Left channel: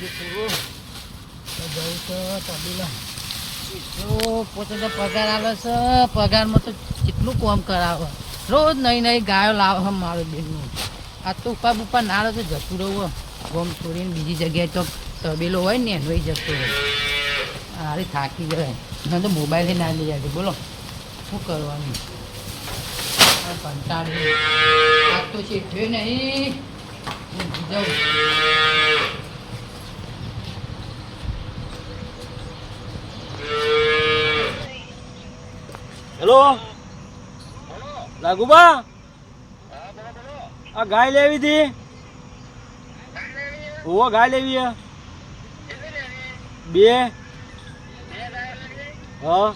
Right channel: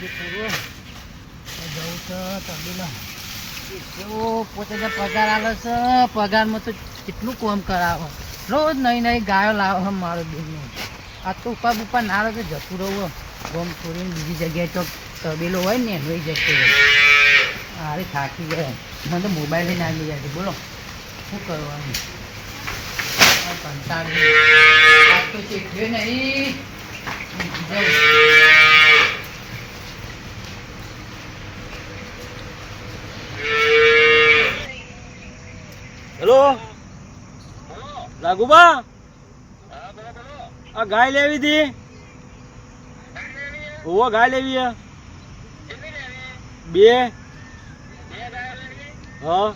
પૂરું જવું છે તબેલા એટલો પોતે જે પગાર આવે છે પગારમાં તો કેટલું કોમ કરાવો રોજ નવી નવી ગાયો લાવે મારો બેનનું આ તો ઉપર ઉપર ના આવે તો જતું રહું ગોમ છોડીને બીજી જગ્યાએ તો તબેલો હોય ને એનો જતો રહે અરે થાકી ગયા મને તો મોબાઈલ ના લઈ આજે બોલો શું કરવાનું કંટાળી તો શીખ્યો નહીં ઊંઘી હેલો રાઘુબા આ ગાય લેવી હતી? ઓવો ગાય લેવી હે બે. હા.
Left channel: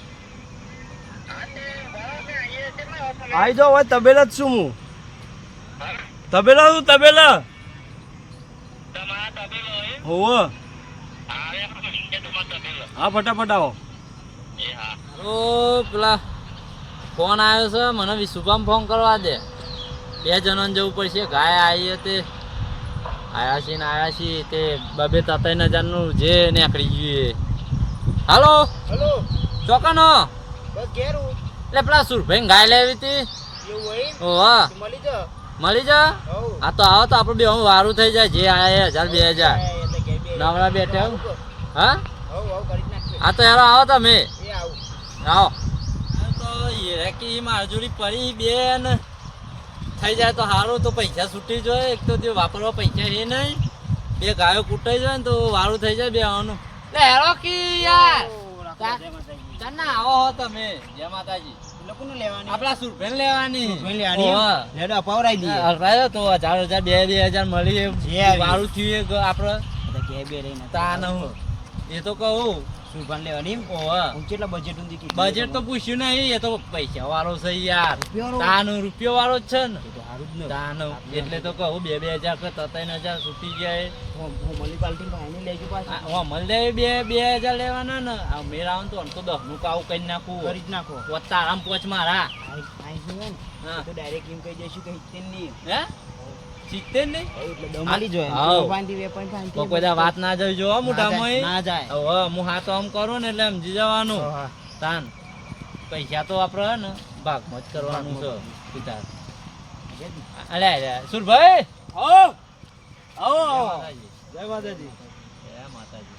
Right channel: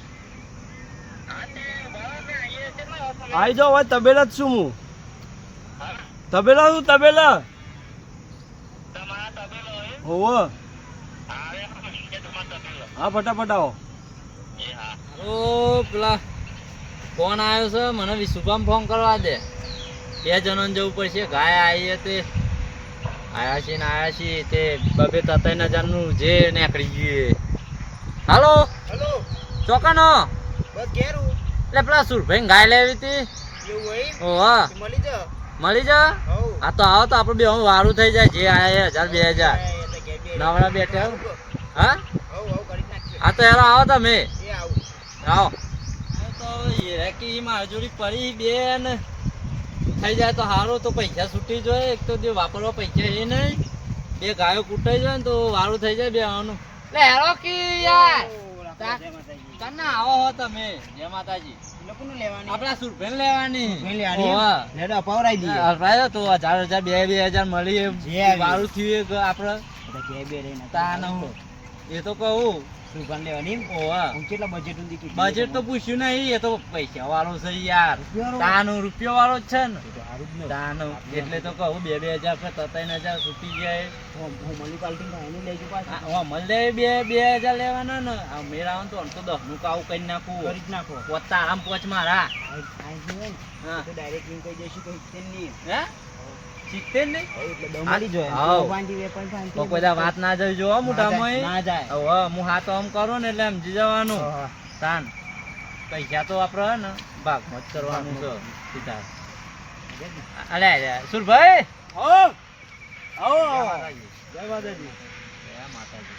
આઈ જાઓ હવે તબેલા જ છું હું. તબેલા છું તબેલા? હોવો. હા ફટાફટ આવો. ઓ પેલા. ફોન આવ્યો છે મને વિશુભામ ફોન કરવા દે. બે જણાને જવું પડશે ગાય આવી તે. આવ્યા છે ને આવ્યા છીએ તે બબે તતાઈ હજારનું જે નીકળી ગયું હાલો? ચોકાનો? એટલે પેલા સુરભાઈ ગાય લેવી હતી. ઓહ મળી જા. હા તો આવો તો આપણે બે હું વારું થઈ જાય જે આયા હજાર બે હજાર. નવરા બેઠા હા? હા તો યાર આવો તમે. આવો. હેકી મારી જોડી પડી બેન. થઈ જાય તો સારું તો પૈસા છૂટી જોઈએ એક તો તે વાપરવા પૈસા એ નહીં. બે ગાયો કૂટાઈ જાય ને તો વારું થઈ જાય બે આવવાનું લે હેરો કી યાર. આવો હો તમે. જય માતાજી. લોકોને લેવાની? આપણા સુરભેન લેવાની. સુરભેન લેવાની. લેડો અપાવરાઈ દઈએ. અલ્પાયો તો હજાર હજાર બે બે હજાર મળી એમ. વારું થયું આપણે આપડે. બધા બે રહીને તા ન હું એ તો કહું. સુભાન લેવાની હું. કેટલા બજેટ ઊંધી બજેટ તો પૂછ્યું નહીં એ તો પૈસા વાળો છે યાર? તાનો રૂપિયો વાળો જ છે ને. ને. તાનો એટલે તો કહું બે બે હજાર કે ત્રણ હજાર છૂટી જાય. હા મળે બે બે હજાર લેવાના ને. આ આવે ને તો આમ તો દસનું કાવું કરી નાખું. કરી જ નાખો. પોત આમ પોચ મારા. ને. ડાયરેક્ટ એમ કહી દઈશું કે હે? તો કોઈ વાત ના જો ના જાય હવે હું હાથ આમ કરું ને એટલે સમજી જવાનું. હા, હા. તાન. પૈસા તો આપડે હે ને ભાગમાં જ કરવાનું છે. સીધા અલે સુરભાઈ. આવો આવો જય માતાજી. જય માતાજી.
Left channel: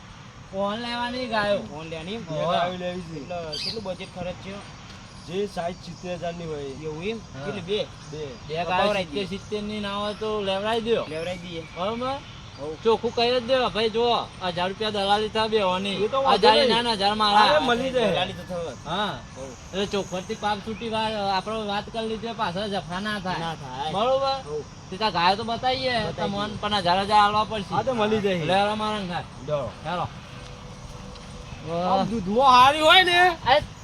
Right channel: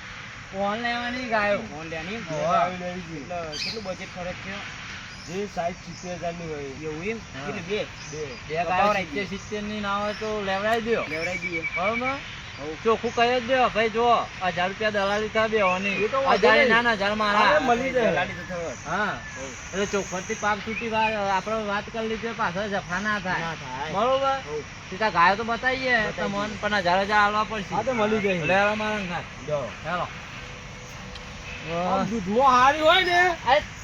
ફોન લેવાની ગાયો. ફોન લેવાની કેટલું બજેટ ખર્ચ છે જે સાઈઝ સિત્તેર હજારની હોય એવું એમ? એટલે બે બે. બે ગાયો સિત્તેર સિત્તેરની ના હોય તો લેવડાવી દો લેવડાવી દઈએ. બરોબર? ચોખ્ખું કહી જ દેવા ભાઈ જો હજાર રૂપિયા દલાલી થાય બે હજાર ના ના હજાર મારા મળી જાય. હા. એટલે ચોખ્ખોથી પાપ છૂટી વાત આપણે વાત કરી લીધી પાછળ જફા ના થાય. બરોબર. સીધા ગાયો તો બતાવીએ. તમને પણ હજાર હજાર આલવા પડશે. મળી જાય. મારા હેલો. દૂધમાં હારી હોય ને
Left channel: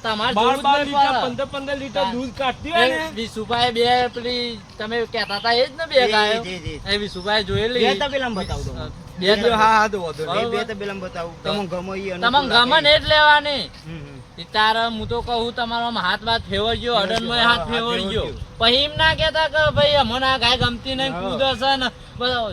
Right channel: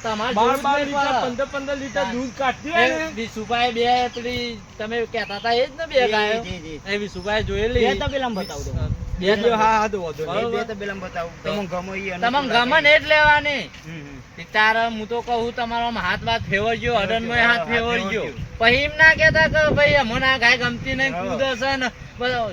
તમારે બાર બાર લીટર પંદર પંદર લીટર દૂધ કાઢતી હોય એ ને વિશુભાઈ બે પેલી તમે કહેતા હતા એ જ ને બે ગાયો. એ વિશુભાઈ જોયેલી બે તબેલામાં બતાવું તમને. બે બે હા હા તો વાંધો. બે તબેલામાં બતાવું. તમને ગમો તમને પેલા ગમે ને જ લેવાની. તારે હું તો કહું તમારો હાથ વાત ફેવરજો અડન હાથ ફેવરજો. પછી એમ ના કેતા કે ભાઈ મને આ ગાય ગમતી નહીં. કૂદ હશે ને.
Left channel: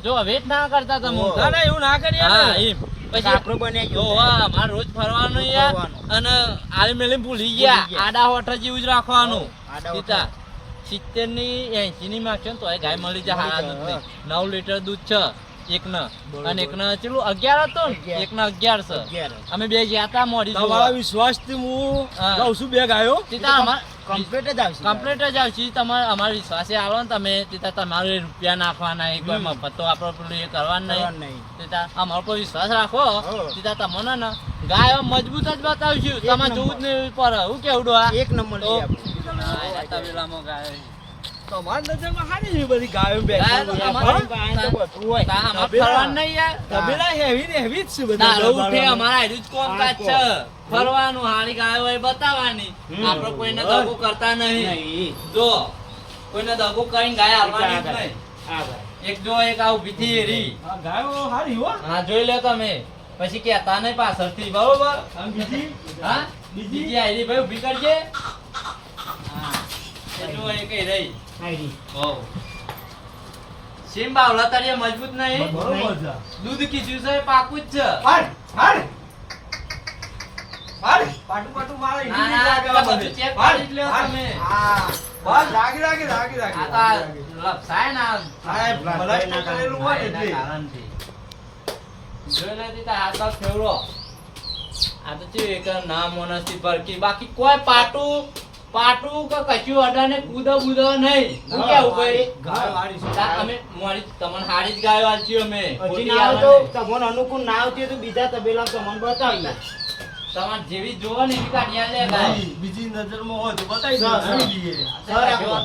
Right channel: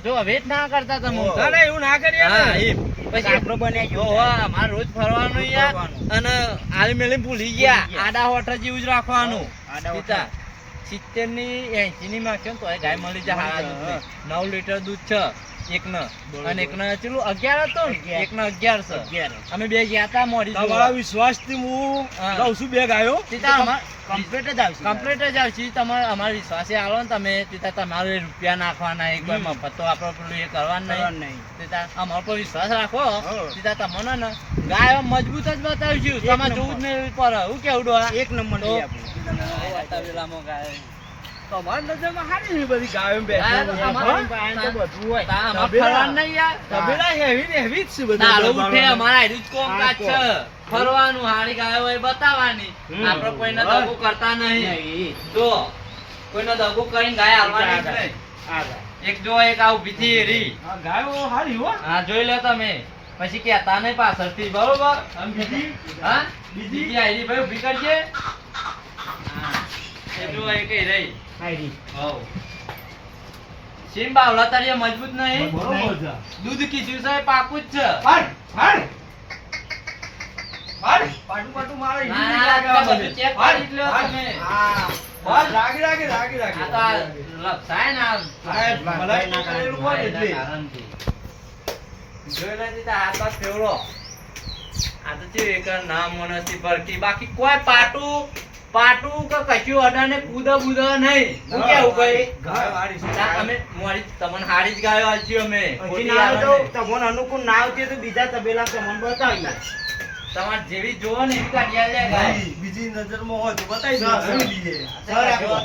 જો વેટ ના કરતા તમે. ના એવું ના કરીએ હા એમ. પછી આપણો બને જો હા મારે રોજ ફરવાનું યાર. અને આલી મેલી ભૂલી ગયા. આડા હોઠ જેવું જ રાખવાનું. પિતા સિત્તેરની એસી ની માગશો ને તો ગાય મળી જાય હારા દૂધ નવ લીટર દૂધ છે. એક ન અને એક ન ચેલું? અગિયાર હતો ને? અગિયાર. એક ન અગિયાર છે. અમે બે ગયા હતા મોડી તમારા વિશ્વાસથી હું હા. છું બે ગાયો. સીતા અમાર કમ્પ્લીટ જ આવશે. કમ્પ્લીટ જ આવશે. તમારે અમારો વિશ્વાસે આલો ને તમે. સીતા તમારે રૂપિયા નાખવાના એક. મફત પેલું એ કરવાનું નહીં. નહીં. અમારો પર વિશ્વાસ રાખો. તીતા સીતા તમને ને ગાયો મજબૂત જ બતાવશું. તમારે જોવું જ નહીં પડે હું કેવું એક નંબર તો- આપણે. ગાયો. તમારી નજરમાં હારી બધી ગાયો બેઠો. ફરવાનું હારું ગાયો બતાવવાની. આપણે કોઈને દગો કરતા નહીં. જો કોઈને દગો કરીને ગાય હાલવાની નહીં. એક જો એક આ થી ગાયો હારી હો. હા જોઈ લો તમે. પછી કેતા નહીં પાછળથી બરોબર? બીજી? હા? બીજી? આયરી ભાઈ ઊભી કરજે. જો એક રહી. હારી. હો સેમ બાવલા તળિયે મજબૂત નહીં? બરોબર છે. દૂધ કીધું છે પાકું જ છે. હાડ હાડ હાડ પાટુ પાટુ મારે હિન્દી લાગે હાડ, કરી હાડ. તમે. હા. બસ રાગી રાગી રાગી રાગી. આ તો લપસાય ના સાહેબ, મલાઈ તો કરેલું હોય એટલે. જોઈ લેતી તો હાથ ફેવરો આ તો ચેવું એક નામ મોનસી પરકી બાકી કોઈ પાટું પાટું કે કશું અડાને કૂદો બુદો નહીં. હું કેવું ભાઈ? અમે મારી તમને હારી જ ગાયો આલજી અમે. ના તમને અનુકૂળ ના આવતી તો બીજા તબેલા તમને બતાવીએ. તમારે જેવી જોવો ને એવી કાઢી ગાય નહીં, બીજી નજરમાં હોય તો બતાવી દો સર,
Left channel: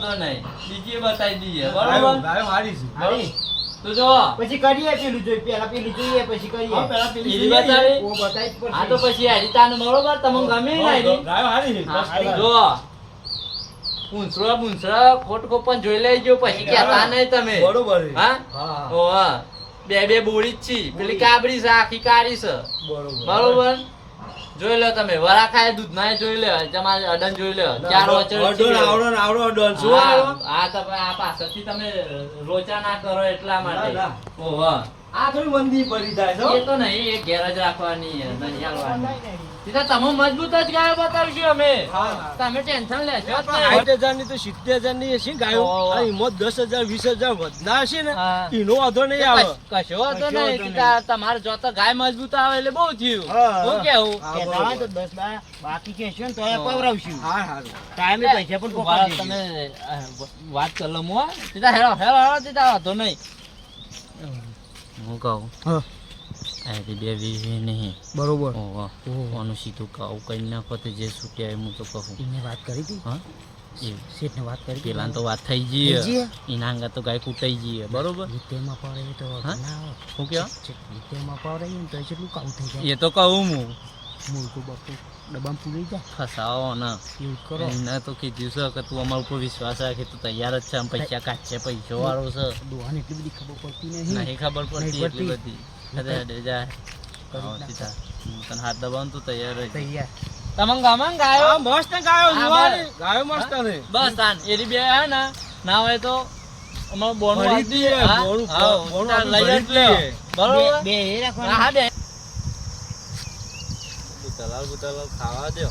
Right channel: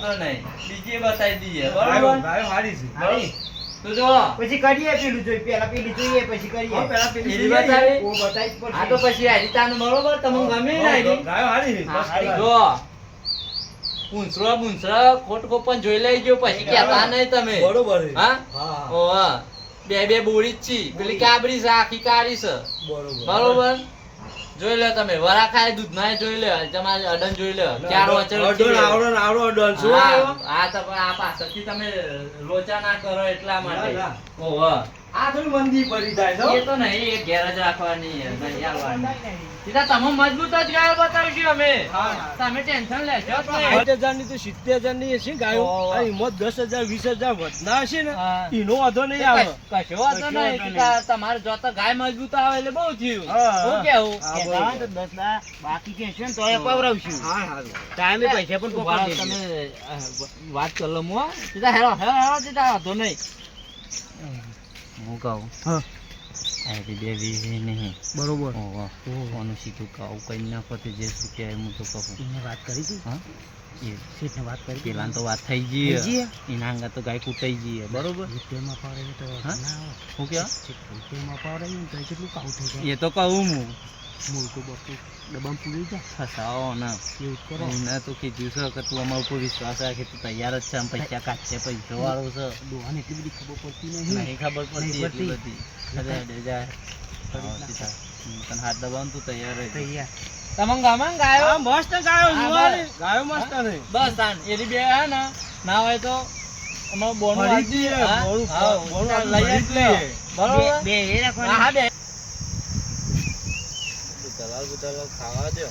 તો નહીં. બીજી બતાવી દઈએ. બરોબર? ગાયો હારી છે. બરોબર? તો જો પછી કરીએ પેલું જોઈ પેલા પેલી જોઈએ પછી કરીએ. પેલા પેલી બતાવી. ઓ બતાવી આ તો પછી હરિતાનું બરોબર? તમને ગમે ને. જો પૂંછડો પૂંછડો ખોટ ખોપન જોઈ લેજો પછી કહેતા નહીં તમે. બરોબર હા? હા બે બે બોળી જ છી. પેલી કાબરી છે આખી કાળી છે. બરોબર. બરોબર? જોઈ લો તમે. વરા ખાય દૂધ ના જોઈ લે તમારે અડન જોઈ લે. ચાર વચ્ચે અડન આવડો આવડો અડન. શું આ તમે આ પાછળથી તમે રોચા ના કરો એટલા માટે. ઓહ આ થોડી મંદી પડી જાય છે એ તો નહીં એ ઘેર રાખવાની નહીં આલવાની. સીધા તમે મજબૂત જ ગાયો બતાવીશું અમે. તમે ટેન્શન લેશો તો સિત્તેર ને ગાયો. હિંમત દસ હજાર વીસ હજાર વધના હશે ને એનો વાંધો નહીં આવે. કશો વાંધો નહીં તા- તમારે જો તો ગાય મજબૂત આવે એટલે બહુ થયું. હા, કેવું? તો દસ બાકી કહેશો ને હા. પવરાવશું. હા હા. ટાઈમે પૈસા પણ તમે વાત કરો મો સીધા હેરો હેરો હેરો સીધા વાંધો નહીં. હું કહું? હા. અહીંથી બે વીવી નહીં. બરોબર. ઓનું સીધું કહું? કઈ નાખો તો જે છૂટ્યા હું તો કહું. એને વાત કરી હતી? હા? એ શેઠને વાત કરી? પેલા તો વાત થઈ ગઈ? એના અંગા તો ગાય કૂટાઈ જઈએ બરોબર? તેમાં પાવરાવીએ તો. શું જે રીતેમાં તો કેટલું કાવું થઈ જાય. એ તો કહું હું. બટું ડબ્બામાં પૂરી જાય. ફસાવો ને. એવું કરો. એને તો કીધું છે કે તું અમારા ઉપર વિશ્વાસ રાખે તું તૈયાર જ છે આમ પૈસા કાઢશે પૈસો વાળો છે. ડોહાને એટલી બધી ખબર પડતી નહીં. નહીં ખબર પડતી એટલી બધી. અરે અડે જા. તને હાથ દબાવ તું તૈયાર રહે તૈયાર. તમને ગમે ગાયો? મસ્ત ગાયો. ગાયો મસ્ત ને. બસ તાન એરી બે હે ને. ના હોય તો અમારું બોનું સીધા આપણે લઈ જ લે બરોબર? બે એ રાખવાના. હા બે. ખાવા દો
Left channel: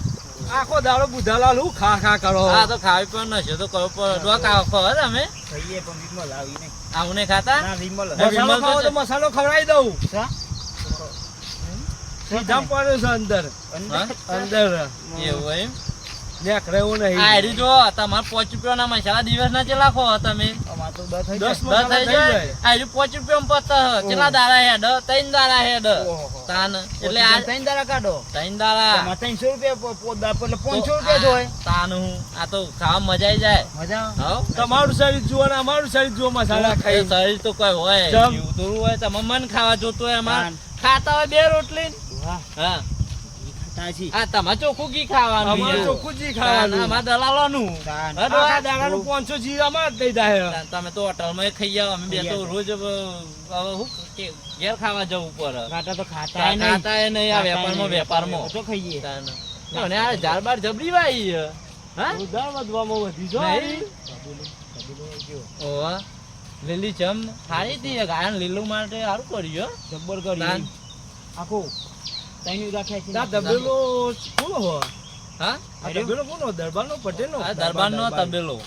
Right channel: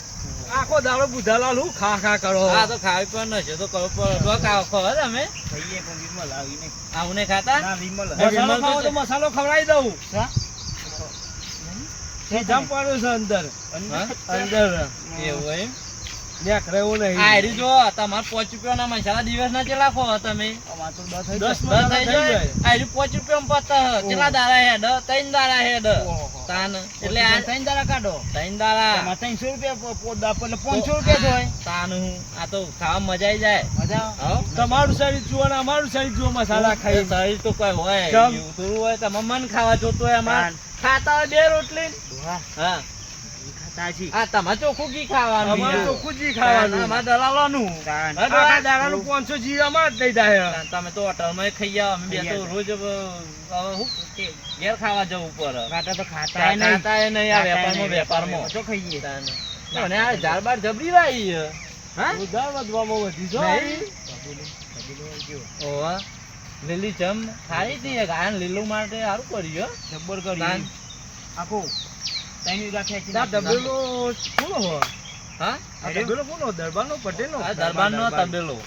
આખો દાડો બુધાલાલ હું ખા ખા કરો. હા તો ખાવી પણ નશે તો કહો પર ડો ખાવ ખો હે તમે. ભાઈએ પણ વિમલ આવી નહીં. આવું ખાતા? ના, વિમલ. મસાલો ખાવ તો. મસાલો ખવડાવી દઉં. જામ પડ્યો છે અંદર. અંદર. એવું એમ? નેકરે એવું આ હેરી જો તમારે પાંચ રૂપિયાના મસાલા દિવસ ના ચેલા ખો તમે. અમાર તો દસ થઈ જાય. દસ થઈ જાય. આ હેરી પાંચ રૂપિયા પત ચેલા દાડા હેડ ત્રણ દાડા હેડ. ઓહો. તાન એટલે આ કાઢો. રૂપિયા એટલે રૂપિયા હું આ તો ખાવા મજા આવી જાય. મજા? તમારું શરીર જુઓ ને અમારું શરીર જુઓ મસાલા ખાઈ. શરીર તો કોઈ હોય. જીવતું હોય મન ખાવા જોતું હોય અમાર ખાતા હોય બે રોટલી. હા. છી. આ તમારે ચોખ્ખું ઘી ખાવાનું અમારું ચોખ્ખું જી ખાવાનું. અમારે દલાલોનું. તાન. હા, ડોહા? આખા દાડાનું 500 જી અમાર દઈ જાય. તમે તો હોટલમાં ખાઈ આવો. અમે બે તો રોજ અ, હવે હું કે ઘેર ખાવા જવું પડે કાંટા તો ખાતા ખાતા એ નહીં આ વેપારમાં વેપારમાં ઓછો ખાઈએ. અને આ ઝાડ બાર જબરી વાઈ. હે? ઉધાર વધવામાં વધી. ઓવા. લીલી ચમ. હતી ગાયન લીલું માટે સારું કર્યું જબ્બર તાન. આખું. ત્રણ વીઘા ખેંચી આ કોનો હો હા આ તબેલો કોનો દરબારનો પટેલનો આ દરબારનો તબેલો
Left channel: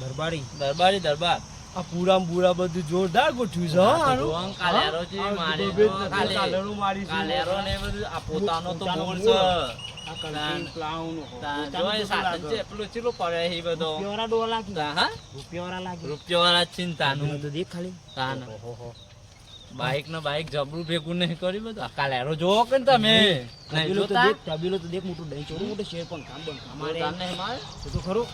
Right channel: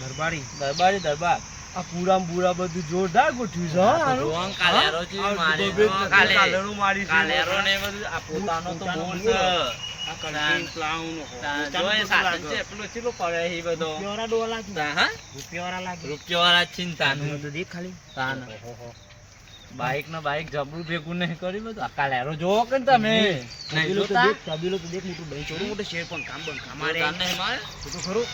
દરબારી દરબારી દરબાર આ પૂરા પૂરા બધું જોરદાર ગોઠવ્યું છે આનું. કાલેરો છે, બધું કાલે- કાલેરું મારી છે. કાલેરો ને બધું આ પોતાનો તો બોર. છે. આ કલટી પ્લાવનો. તાન જો પોતાનું એ તો સાધન છે, પેલો ચીલો પડે એ બધો. રૂપિયાવાળા ડોહા હા? રૂપિયાવાળા લાગે. રૂપિયાવાળા જ ચિંતાનું. તબેલો દેખ ખાલી. તાન. બાઈક ને બાઇક જબરું ભેગું નહીં કર્યું બધું. આ કાલેરો જોવો કે તમે નહીં તો દેખ, તબેલો તો દેખ મોટું દહીં ચોરું મોટું શેર પણ કામ બંધ કામ આરે. તાન નહીં મારે? તો ખરું.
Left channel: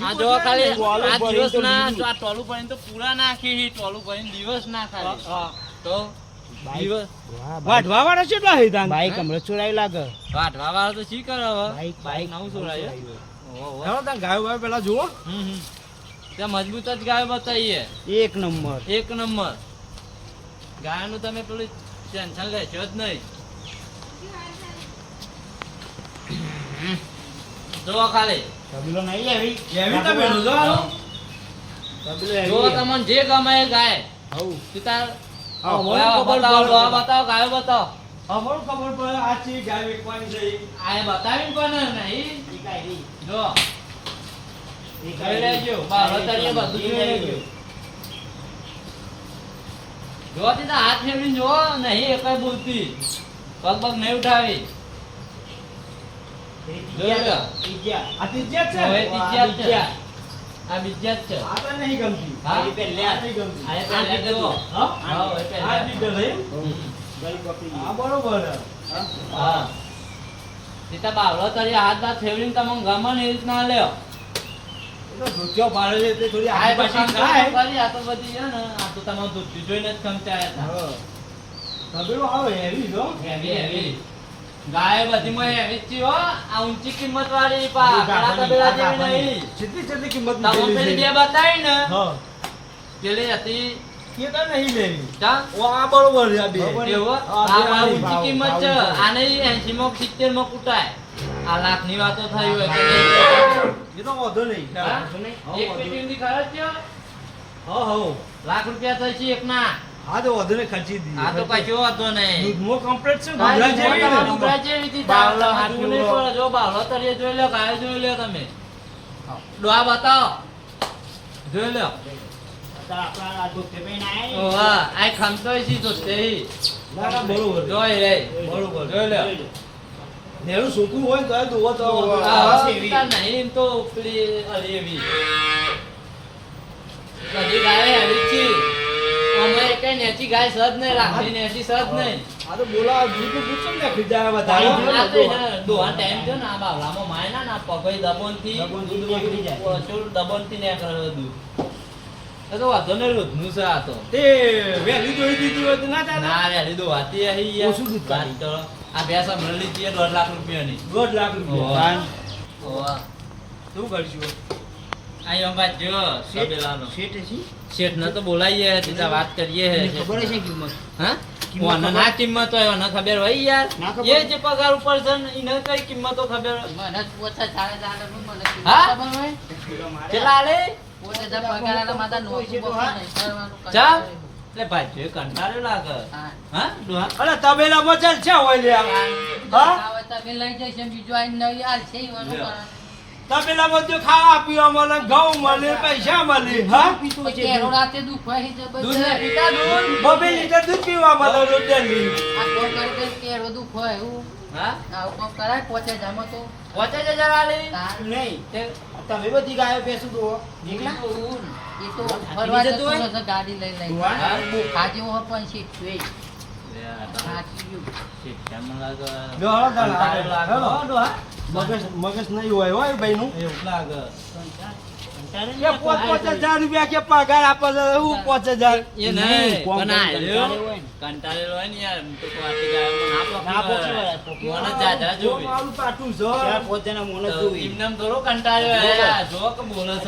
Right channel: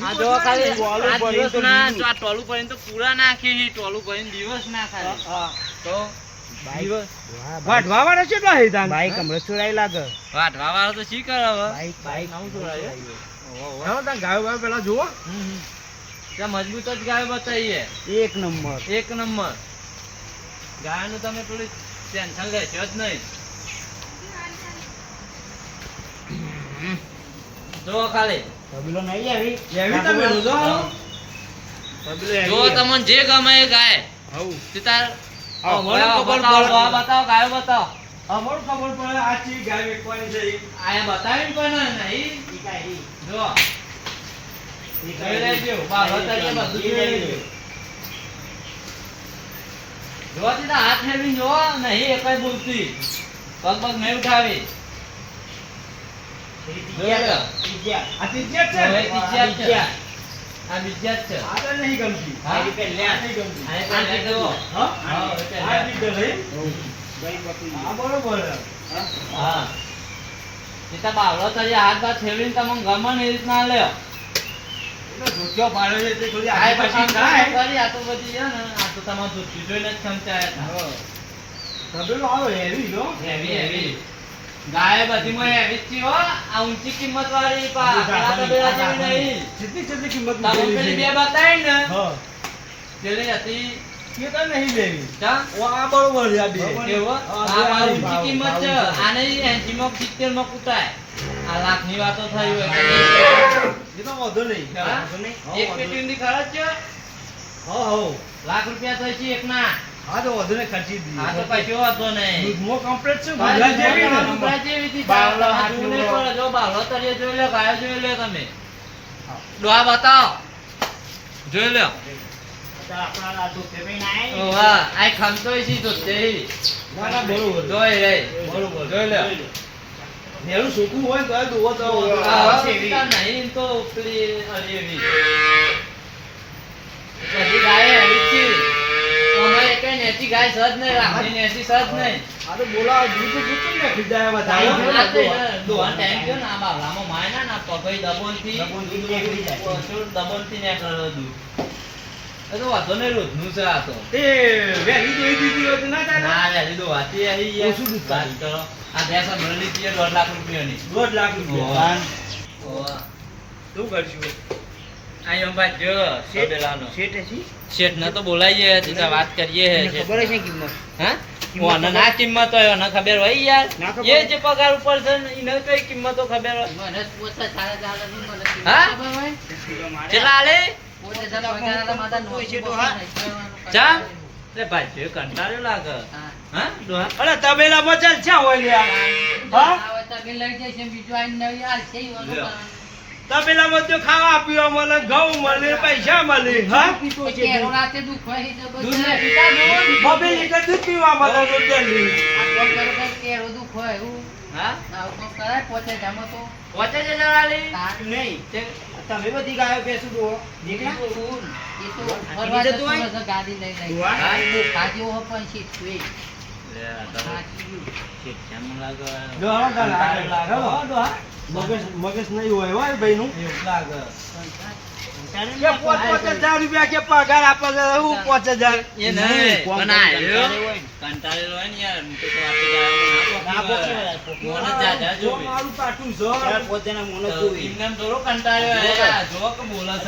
આ જો ખાલી આ દિવસ ના લીધું. આ ટોલું ભરીને તો પૂરા નાખી છે, ટોલું ભરીને દિવસ ના ખાલી. હા. તો દિવસ વાઢવા વાળા કેટલા હે તાન? બાઈક હમણાં ચોરાઈ લાગે વાઢવા વાળો તો શી કરે હવે? બાઈક બાઈક બાઈક નવું ચોરાયું? ઓહો, ઓહો. તાન ગાયો બાયો પેલા જુઓ હમ, હમ. ત્યાં મજબૂત જ ગાયો બતાવીએ એક નંબર એક નંબર ગાયનું તમે પેલું ટેન્શન લેશો જ નહીં જો ખાલી તબેલો નહીં આવી એવી તબેલો જો. જો તમને જે ગમે એ ગાય હવ તે તાર હા, મને ખબર બતાવો, પડે. બતાવો, બતાવો, ગાયો બતાવો. અમારું ખબર પડે આ ચી ગાય વેચવાની છે. આ એ કોને નહીં? ઈ કાઈ જો, ઈ કાઈ લેજો. બા વતારીએ બધું જોઈ લેજો. જો તે હાથ ફેરવીને જો, નહીં એ કઈ બોલતી. પગ પગ નહીં ઉઠાવી. હાથ બાથ ફેરવીને તમને ગમે એ રીતના લ્યો. એ તો ધોતિયો પાડે છે તે થોડી આ પછી ખાય. કરી, આ તો બધી છે ને, આ તો તમારે ધોતી જોઈને જ ખંચાયા હતા. હા. તબેલો હેવી જો. હેવી હેવી ગાય બધીમાં હેવી જ હો આ ઊંચી કિંમત વાળી પા પેલા તબેલા જેવી નહીં જેટલી જેટલી કિંમત તમે પેલી બે બતાવી ને પેલી હતી તો નહીં લેવી. ઓ, આ બરોબર છે આ બે. કેવો આ આ બે આ ઊંચી કિંમત છે છે. આ માં સિત્તેરમાં કૂટાય આ લાખની વાતો થઈ હોય. કે વધુ નહીં. એક વાંધો પેટી ની ખર્ચ છે? હો હા. લાખ રૂપિયા થઈ છે એકના. હા, તો વધુ ને ખર્ચી દઈએ. હા તો કશો વાંધો નહીં. દૂધમો complete છે, બાવલા જેવી બાવલા જેવી હતી. બાવલા બાવલા હાથનું જોઈ જો બાવલો તરીએ જોઈ લો ગાયો જોઈ લો તમે. ડોહા બતાવો. જોઈ લો. આ દૂધ ને. ખમતોય છે તો તે. ના, ના, બરોબર. જોઈ રે બરોબર. જોઈ લો. નેરું સૂકું હોય તો દુવો તો નહીં. તો પેલી અલી એવી. બધી ગાય આવી છે. અમારે કઈ નેચી ગાય સજ નહીં રાખી નેચી સજ આ તો બોલા દૂધ દૂધ ને દોહા ટાઈમ થયો ને આ બાવલામાં માય ના ના જાય. ઓછું દબોનથી નીકળે બધું. એ તો વાંધો નહીં રોજનું છે આ તો. તે વહેલી જોઈ દીધી હોય તો ના ચાલે? ના? રે હજી આવી ઓછું દૂધ વાત કરો. આ ભેંસ મળેલી છે દોઢ લાખ રૂપિયાની દોઢ લાખ રૂપિયા. ઓવા. ઓવા. શું કરશું? આ યંબા જો શેઠ- શેઠ હશે? શેઠ ને તો બોલાઈએ સીધા વાત કરીએ ખબર હશે કિંમત હા ઓને ના કિંમત હોય ઓને ખબર હોય યાર એ જે પગાર ઉપર છે ને એને કઈ કિંમતો ખબર હોય મને પોતા ચાલે ચાલે મને ખબર હોય પોતે જરા પગાર આલે છે તો હા. ચા કંટાળો. ભાઈ કંટાળ્યો લાગે હા. હા? ચાલ છે હા? તમે લઈ જઈશ એમ બીજું આઈને નહીં હાલશે ઈ ઓનું લે. કરવાનું. તબેલામાં તો ખાવા પીવા મળે ઘઉં મળે પૈસા મળે હા? પછી કેરો રાતે દુઃખ હોય છે દૂધ બધું. પીતા દૂધ બબે લીટર દૂધ પીવા મળે રોટલી. આ કોઈ કરે કેરો દુઃખ હોય એવું? હા? આવું કોક કરાય પોતે જામો તો. પહોંચે છે જરા નહીં. તમે બધી ગાયો બેસું દો એકલા એ તો ફરવા જતો ગાડી લઈ લઈ? હા. બહુ ખાજો પણ શીખતું મગજ નહીં હોય હોય? ભાઈ નું એવું લાગે.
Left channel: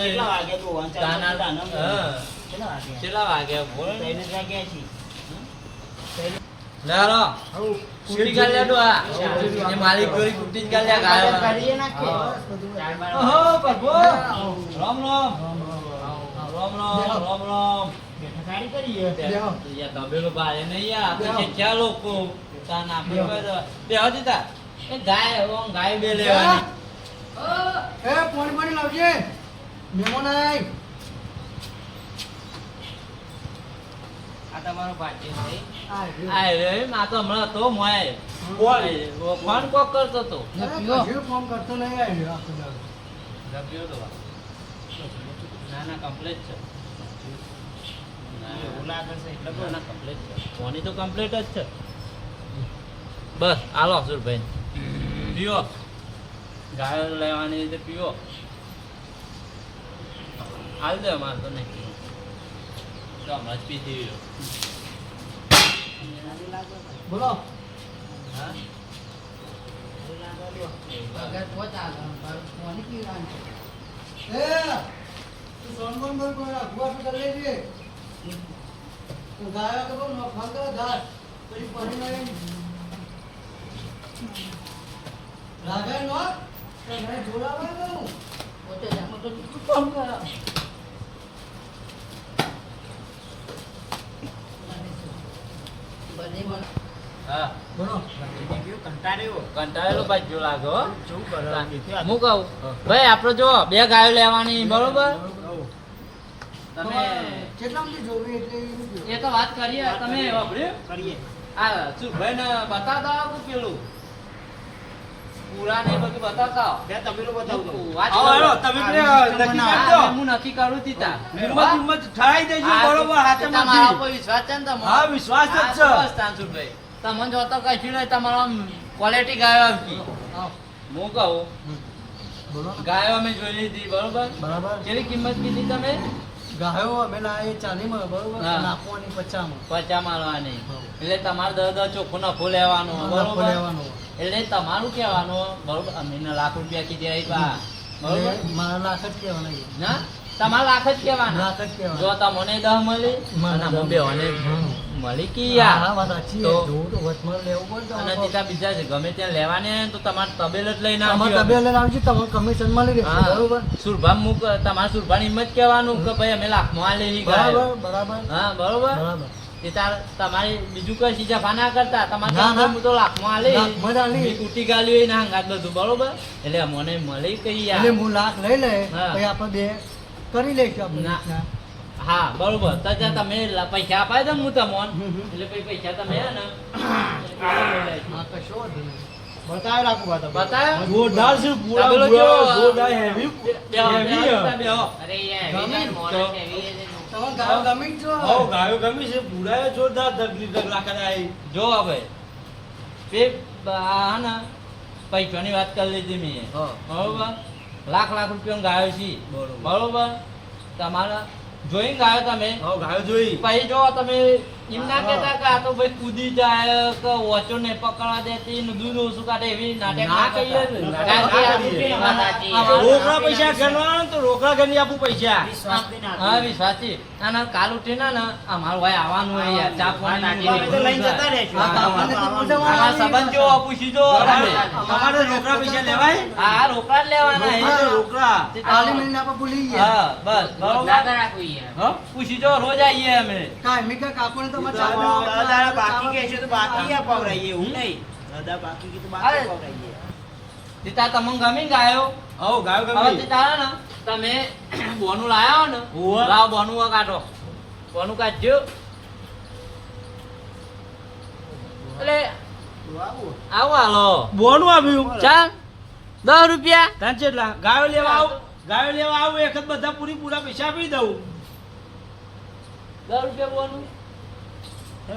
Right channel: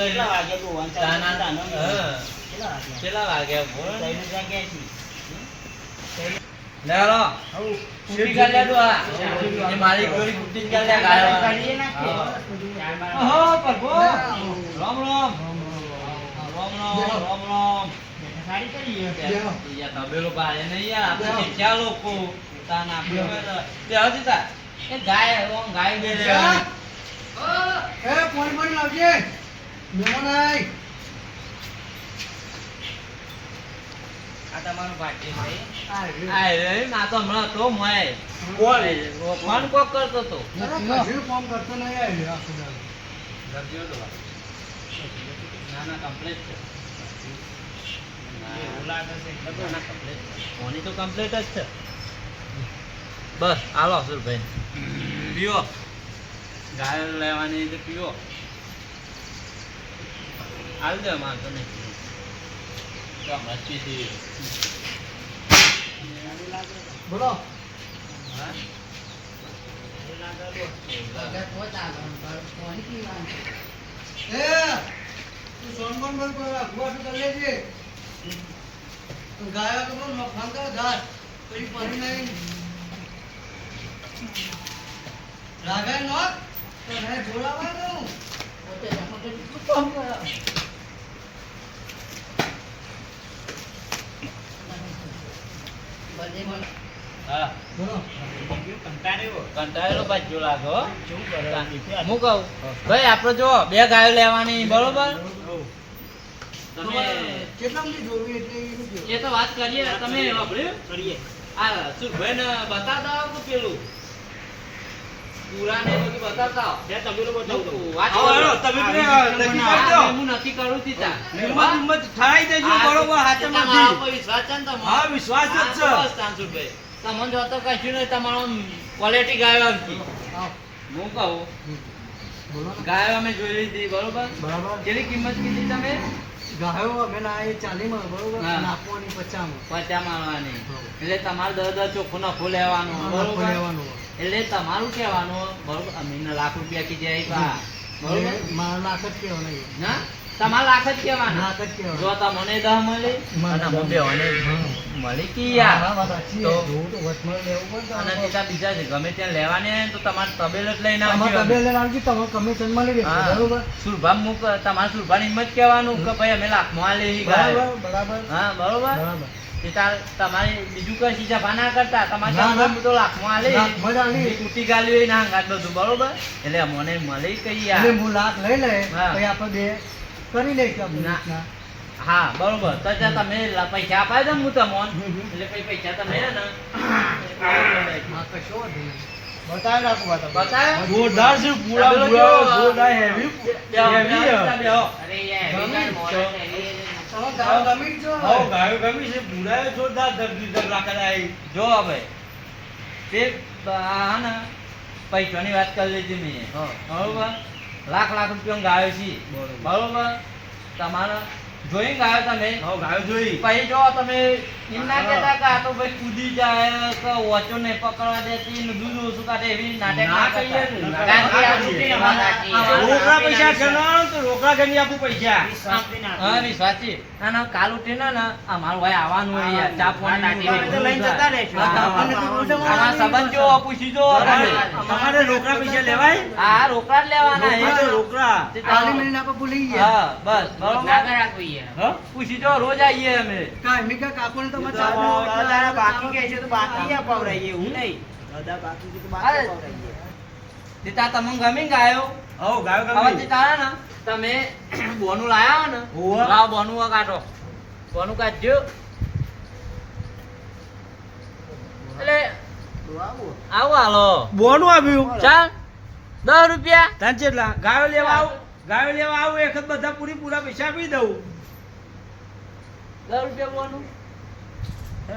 કેટલા વાગે તો વાંચા તાના- તાના- હા. કેટલા વાગે? કેટલા વાગ્યા બોલ ને. ત્રણ જ વાગ્યા લે રો. કૂટી કાઢ લે ડોહા. એ મારી ગોરી કૂટી કાઢ લે ગાયો. કાઢીએ. હા. બાર ઓહો, પ્રભુ. રામ રામ. રામ રામ, રામ રામ. સારી કરીએ. યાર, તબેલો ભાઈ નહીં યાર, આપણે શીખ્યા લોકો. તાના આપણે તે હજી તા. એ ગાય હવે ગાય બે લેવાની. એ પાણી પાણી લાવજે મહેમાન આય આ તમારો ભાઈ છે. રે, તો હમણાં તો મોય. બોલ. કોણ કોક કરતો તો ફોન. ના ના કમ્પ્લેટ છે એવું લાગે છે એટલે તો ના, complete છે. ફોની તો કમ્પ્લેટ જ છે બસ હાલો સુરભાઈ પીવો ગાયો લેવાની તો પીવો હાલ દે માર તો નહીં તો મસ્તી થઈ બોલો હા પગાર પહોંચ આવે પણ ફોન કેવી આમ છે? પોતે જામો તો કેટલું કામ કરે. એક મિનિટ. જો બે ગાયો લેવાની બરોબર. તમે એ તો વાત કરીએ તમે કરીએ આ સુરભાઈ ને બતા આવો પેલું પૂરા બધું બતાવતા આવો. બે તબેલો બતાવું તો. વાત આવો, કરો. હેલો, તમે બે નક્કી કરી દો. હા, હું નક્કી કરું તી હિંમત હિંમત ઠરાઈ દેજો બરોબર હાથે તમારા ઉપર વિશ્વાસ છે ને તમારો? હા વિશ્વાસ જ છે. તો તમને જો કશું નહીં તમારો ક્વોલિટી ગાયો આવતી હું. કહું ગાયો અમે જોઈ લીધી બરોબર? બરાબર. કેટલી કિંમત કીધી તમે? ગાયો અમે એ ચાલીમાં બરોબર. નાખવાની પચામાં. પચા મારવાની એટલે તમારે દર દર ચોખ્ખું નફો લેવાનો નફો બરોબર? લેવાનો. એટલે તમારું કહેવાનું બરોબર અમીને લાખ રૂપિયા કીધે બા બરોબર? મારા લાખ જ કહેવાના. ના? તમારે લાખ જ કહેવાના. લાખ જ કહેવાના. જો તમને દહ મળી. મને બેવાને કી યાર? વાત સાચી તો- તો વચમાં લેવું પડે અને બીજા બીજા છે ગમે ત્યાં લેવાને તો તમારે તબેલ જ લઈને તમારે આવજો. લાવજો, તમારે કમિશન મળી રહેશે, બરોબર? સુરભામ મુક તમારે સુરભાની હિંમત કહેવાનું કે ભાઈ અમે લાખમાં આ લેવી બરાબર બરાબર. હા બરોબર? બરાબર. તમારે બીજું કઈ ચીજ જફા ના કરતા તમારે તો લાખમાં તૂટી ગાલ્યું એ ના હંગાત બધું બરોબર? એટલે મને મળી કઈ યાર હું લાખ લઈ લે પછી આપણે બે કરી લઈશું ના. હા બરોબર. તો ત્યાં તમે પૈસા અપાય દો હું તમને. એટલે પછી પૈસા તમે હે ને. કશો બતાવી રાખું વાત? જોરદાર છે પૂરા? જોરદાર. અરે યાર ગાયો ગમી છો જો ગાયો ગમી છે પૂરા જોરદાર ધગલી ધગલા કરાય જો હવે. તે આ ને પૈસાની વાત કરી લીધી મેં. હા. બરોબર? લાખ લાખ રૂપિયા ગાયો છે. બરોબર? તમારા જોઈને ગાયો તમે? હા ગાયો જોઈ. પછી જો તમે એમ ના કહેતા કે આ તો ભાઈ કૂદી જાય કે ઓછો ને પકડવા દે તે દૂધ ઓછું કાઢે એવી નાટક ના ના કરીએ કરીએ, ને. ના કારણ કે કરીએ. આ રૂપિયા વાત. અમારા- સાચી. આપણે- રોકડા પૈસા ગણો તો રોકડા ગણી આપું પૈસા. ના હા વિશ્વાસી અને કાલ ઉઠીને ને અમારું ભાઈ આવવાનું હોય યાર ચા પાણી લઈને જતા રહેશું. સંબંધ જો પૂછી જો તમારે તમારે રોકડા પૈસા લેવાય? હા રોકડા લેવાના રોકડા કાલે મહિને ભૂલી ગયા. હા બસ. ના બરોબર કરા કોઈ. યાર. હા? પૂછી જો રોજ આવીએ અમે. કાંઈ મેં કાંઈ તો અમારે તો ચાલુ દસ દાડા બાકી કે છે તો બાકી યા પવરાઈએ, એવું નહીં. દસ બાકી કે તો બાકી પવરાઈએ. તીતા તમને ગમે ને ગાયો? હઉ ગાયો હવે ગમી તીતા હે તમે બોનું લાયા ને? હોવે. બોનું કાઢો. બોનું કાઢજો. એટલે આવો હાલો. બોનું આવ્યું ચાલ. દસ રૂપિયા. ગાયો લેવા આવું ગાયો લેવા આવું એક બધા પૂરી પૂરા પૈસા આપી દઉં. દસ રૂપિયા બોનું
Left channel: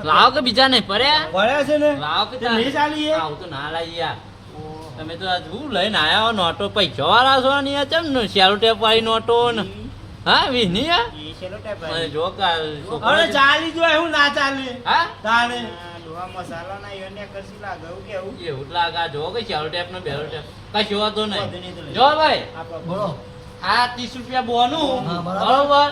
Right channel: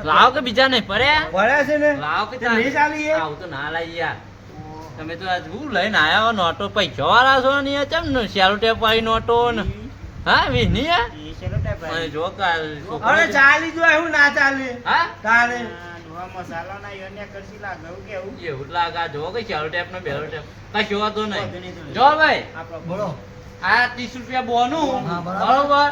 લાવો કે બીજા નહીં પડ્યા છે ને? લાવો કે તે નહીં ચાલી? આવું તો ના લાવી યાર. તમે તો આજ હું લઈને આયા હો નોટો પૈસા વાળા છો ને યાર? ચમ ને શેરો ટેપ વાળી નોટો ને? હા વીની યાર? જો કા અરે ચાલી જો હું ના ચાલે. હા? તારે આ કરશી લાગે, એવું કેવું? એવું? લાગે. આ જો કે ટેપ ને બેરો ટેપ. કશું વાંધો નહીં. જો ભાઈ. આ ત્રીસ રૂપિયા બોનું. હા, બરાબર.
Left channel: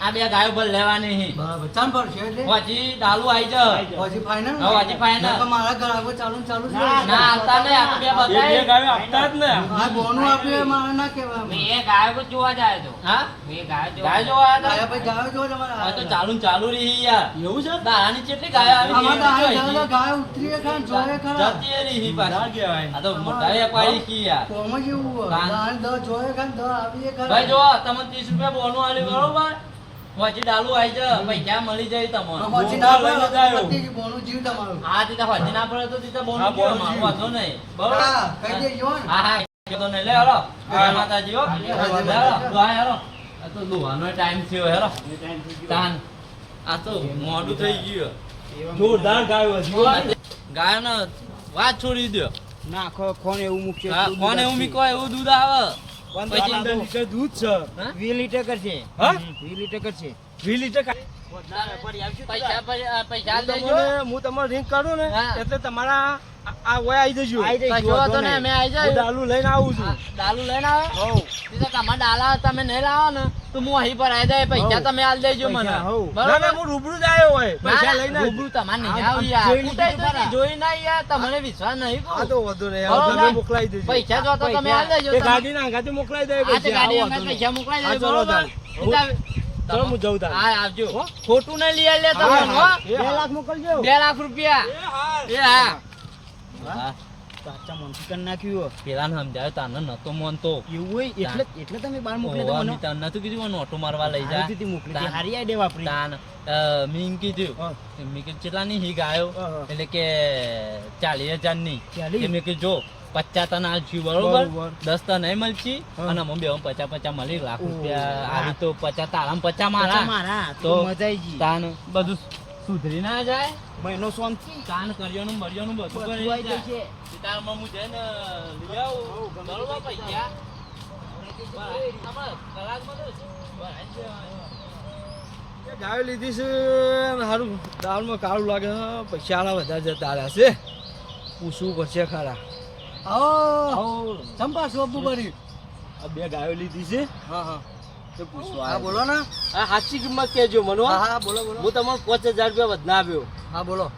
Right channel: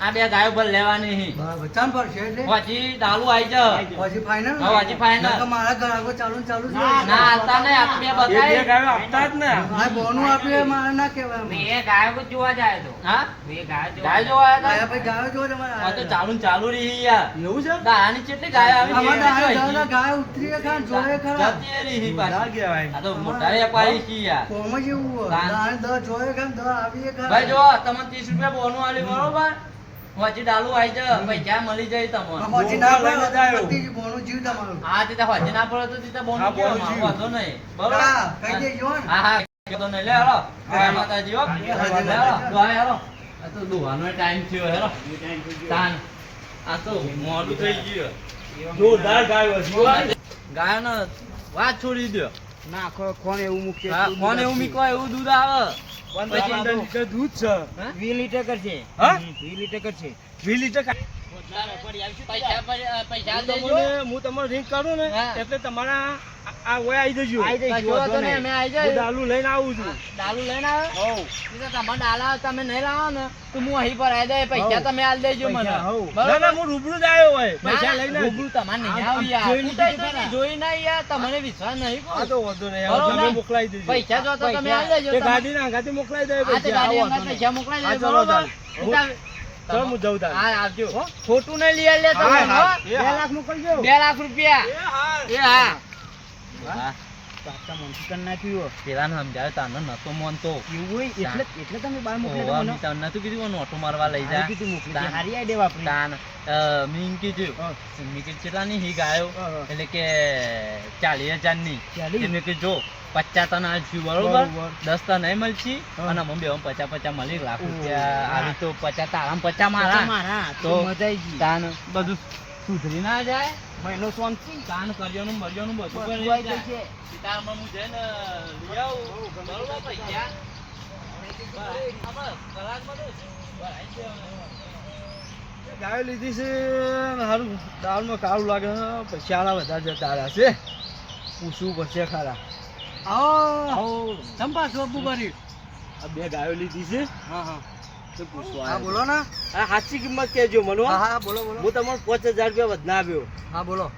આ બે ગાયો પર લેવાની. હી બરાબર ચાલ પડશે એટલે? પછી દાલુ આવી જા. પછી ફાઈનલ હા, પછી ફાઈનલ નકર મારા આગો ચાલુ ચાલુ છે ના, આતા ને આપ બે બતાય બે ગાયો આપતા જ ને આ બોનું આપે મારા ના કેવા મે એ ગાયો જોવા જાય તો. હા? મે ગાયો ગાયો જોવા આયા આવ્યા ભાઈ ગાયો જોવા તમારે આ તો ચાલુ ને ચાલુ રહી યાર. એવું છે? દાવાની કેટલી ગાયો આવી આમાં જેવી દાડા ગાયો ગાય ઉતરી ખરા જોયે ખરા. જતી રહી ના પાછી. કહેવાય. આ તો મોટા પાડી કી યાર. કોમ જેવું એવું દ જોયે ખરા દર આવીએ ખરા. ભાઈ જો તમે ત્રીસ રૂપિયા બોનું આલી બરોબર? પછી ડાલુ આવી જ પૈસા મળી જાય તમને? હોજી ના લઈને જાયો. બોનું જીવ તમારું. હા તે હોજી ના પડે તો તે બોનું હા, બોનું કેવું? જીવ. વાંધો નહીં. બરાબર? કહી દેજો. હા હા તો નહીં. લે હાલો. માતાજી હો. હાલો. હાલો. આ તો દુવાનો ટાઈમ થયો ગયો. તાન. આ તો મોડું થઈ ગયું. જોરદાર ગાયો ગાયનો વાત છોડી દો નાખો ખોને એવું મૂકે કોને એવું મીકો એવું દૂધ આવે. દૂધ છે? વીસ લીટર કરશે. હા? વીસ લીટર કરશે. વીસ લીટર પૈસા પૈસા પૈસા તમને હું તમારે રિંગ કરું ને એટલે તમારા આ- ઓય આવી જજો. આઈ જજો વાંધો નહીં, નહીં. આવી હું ડાલુ લઈને આવું છું. ડાલુ લઈને આવે. હઉ. તો તમે ડાલા તમે નહીં લાવો ને તો હું અહીં પર આવી જાય પૈસા તમે આલ દેજો મને. બરાબર? ના, હું રૂબરૂ જ આવ્યો હોય. પૈસા લઈને રૂબરૂ તમારે નહીં આવ યાર. તો જોઈ ના યાર તમને વિશ્વાસ નહીં આ તો વાંધો ને. તમે મોકલાવી દેજો. પૈસા જો તો તમે આલ દેજો એ તમે. ગાડીના અંગાથી મોકલાવી દે આ તે પૈસા ગાડી આવો નહીં. પૈસા મોકલાઈ દેજો, બરાબર? ચલો. હું જઉં તારે. હા આવજો. ખોટું નહીં લઈ આલે તમે હા, હો? હા. બે લાખ મોકલજો. 2 લાખ રૂપિયા. એ હા. હા. કાચા મનસુખ કરી નાખ્યું પેલાને સમજાવ્યો તાને નતો માનતો એવું હોય? એટલે એટલે તમે બહાર મોકલે ઓવા, મને તને નતું કીધું મને ઓટો મારવા લઈ જા. હારી મોકલી. દે. હારી idea વાપરી. તાન અ, કીધું. હા. મેં કીધું કેટલાની હી ગાયો હા, હા. એટલે કે ચાલીસ હજારની? મેં જો પચાસ તને આલશું બરોબર. દસ તન નહીં મળશી? અને મમ્મી બે પચાસ પચાસ મળી લાખ રૂપિયા આવી તો પચાસ તારા પચાસ મારા. તો તો મજા આવી તાન બધું સુધરી ના જાય મહિનો શાંતિ તાન કર્યોનું મર્યોનું બધું બધું કરી જાય. જશે. તારમાં હું જઈને લઈ આવું. બરોબર પૈસા. ગાયો લીધી છે સારું હારું દાળમાં કાળું લાગે પછી આલા બધા જતા રહ્યા છે. પૂછવું પડશે ખરા. આવો ચંપા શોધું ભરી આ બે ગાયો લીધી છે. હા હા. પૂછવા બોલો ને. આ સાચી કિંમત કહેજો મને હા. હા બોલો બોલો. હું તમને પાંચ હજાર રૂપિયા વધના આપ્યો હા બોલો.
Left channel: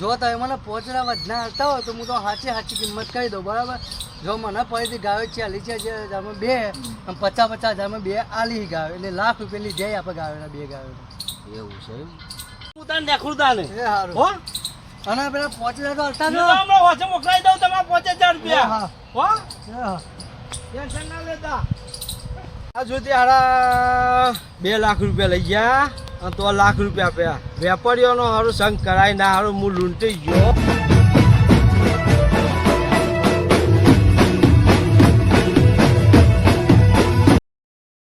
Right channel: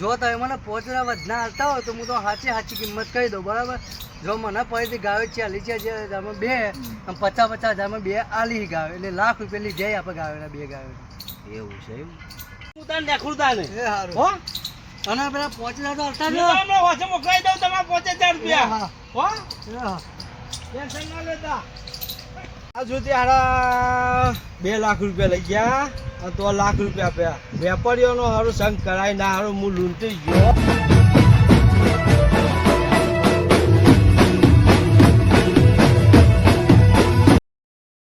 જો તમે મને પોચના વધના આવતા હોય તો હું તો સાચી સાચી કિંમત કહી દઉં બરાબર? જો મને પૈસી ગાવે ચાલી છે જે તમે બે અને પચાસ પચાસ હજારમાં બે આલી ગાવે એટલે લાખ રૂપિયા લીધે આપણે ગાયોના બે ગાવે એવું છે હું તને. દેખું તાને હો? અને પેલા પોચ હજાર તો હલતા હું મોકલાઈ દઉં તમારા પાંચ હજાર રૂપિયા. હા. હો? હા. ટેન્શન ના લેતા. આ ત્યાં હારા બે લાખ રૂપિયા લઈ ગયા તો લાખ રૂપિયા આપ્યા. વેપારીઓનો હારું સંગ કરાય, ના હારું હું લૂંટી ગયો.